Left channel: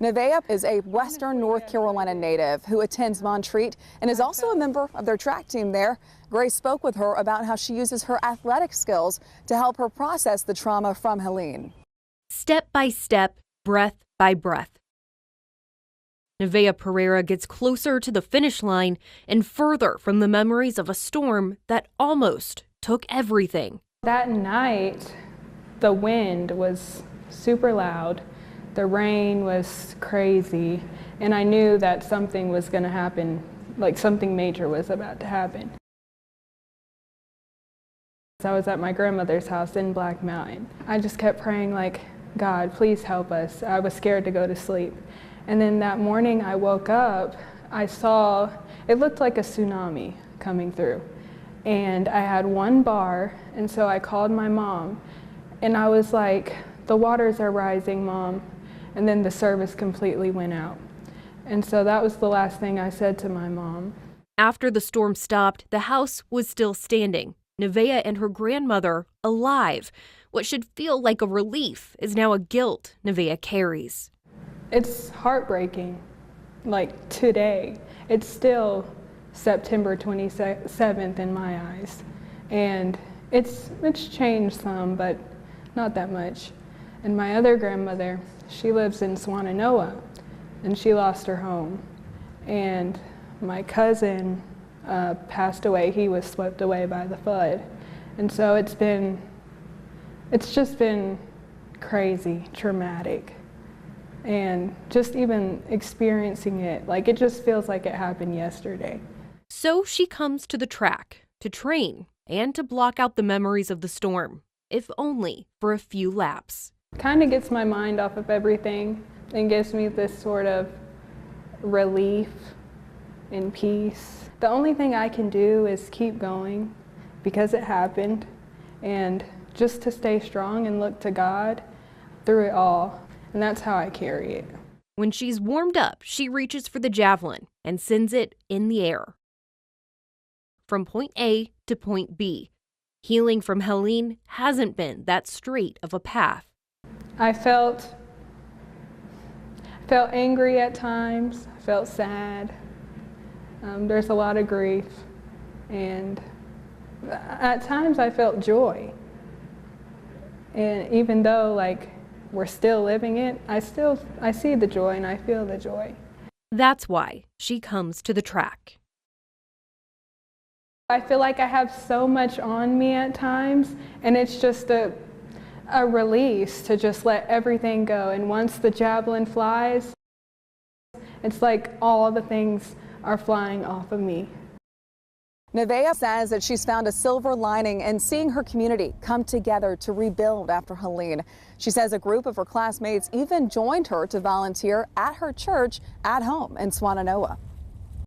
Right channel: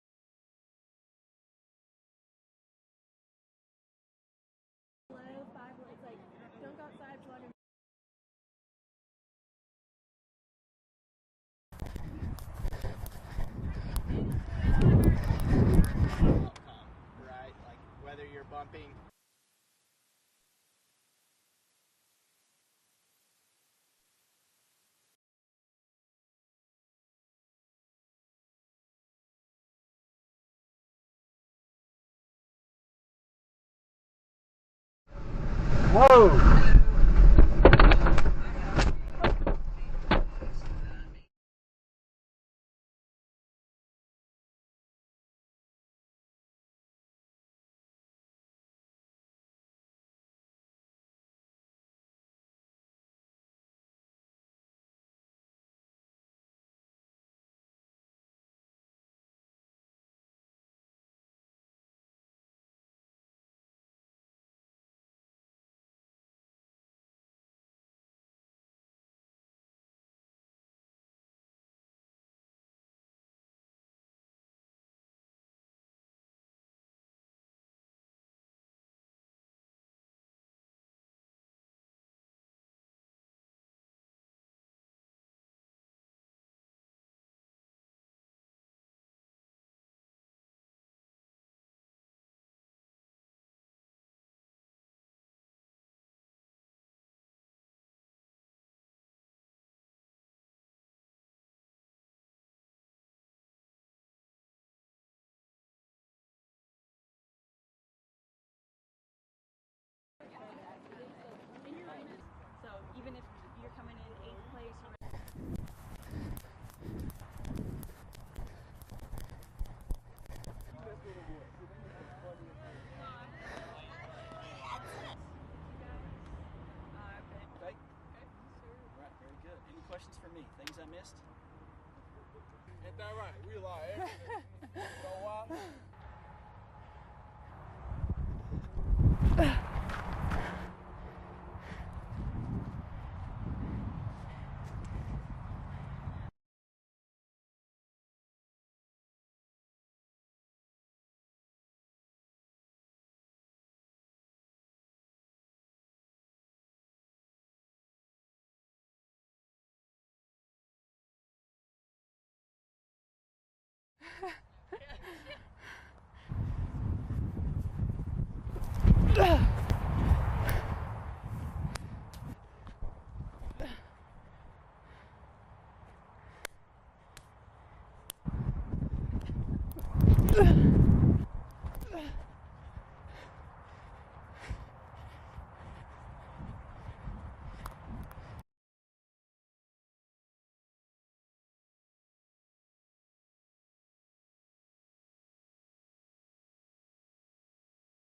Nevaeh is a Western North Carolina native who attends Montreat and is also a member of their track team there. Grace spoke with her about how she uses her athletic skills to help her process the trauma from Helene. Step by step, breath by breath, Nevaeh Pereira gets closer to the finish line and further from the memories of a storm that almost took everything. That night, the wind was super loud. The rain was crazy, and I knew that something was going to happen, like something major was about to happen. Whoa! So I was at my grandmother's house in Black Mountain. I just kept praying, like, God, please help us. I was scared to go to sleep. And then that morning I woke up, I saw, it looked like a tsunami coming through. And I had one bar, and so I called my mom, and I was like, the waters are rising, Mom. And then the service completely went out. And so that was the last thing I said to my mom. After the storm stopped, the house was still standing. Nevaeh and her grandmother alive. What should feel like a relief is now a guilt Nevaeh carries. It's heartbreaking, like today. It's still September 27th in my eyes. And it's changed some, but not that much. And my other grandmother, she lives in Swannanoa, and she lost her home. And my cousin passed away. He was swept away by the flood. And so it's just been crazy, traumatic. And just even experiencing it, like it just feels like it happened yesterday. So she comes to the track to train and to block out the memories of the storm, if only for a few laps. Kind of gets my mind off of everything and gives me this sort of relief and peace. The only thing I can do is keep going because it happened, and just to stay strong and look to God through it all, and that's how I carry it. When she's warmed up, she reaches for the javelin and sends it in the air. From point A to point B. Healing from Helene hasn't been that straight of a path. I felt angry at times, I felt sad. There's a lot of grief, and at times I felt joy. And even though like we're still living it, I see the joy and I feel the joy. That's why she comes to the track. I feel like I have so much on me at times, and it's just a release to just let everything go. And once the javelin flies, it's like all the things are flying off of me. Nevaeh says that she's found a silver lining in seeing her community come together to rebuild after Helene. She says a group of her classmates even joined her to volunteer at her church at home in Swannanoa.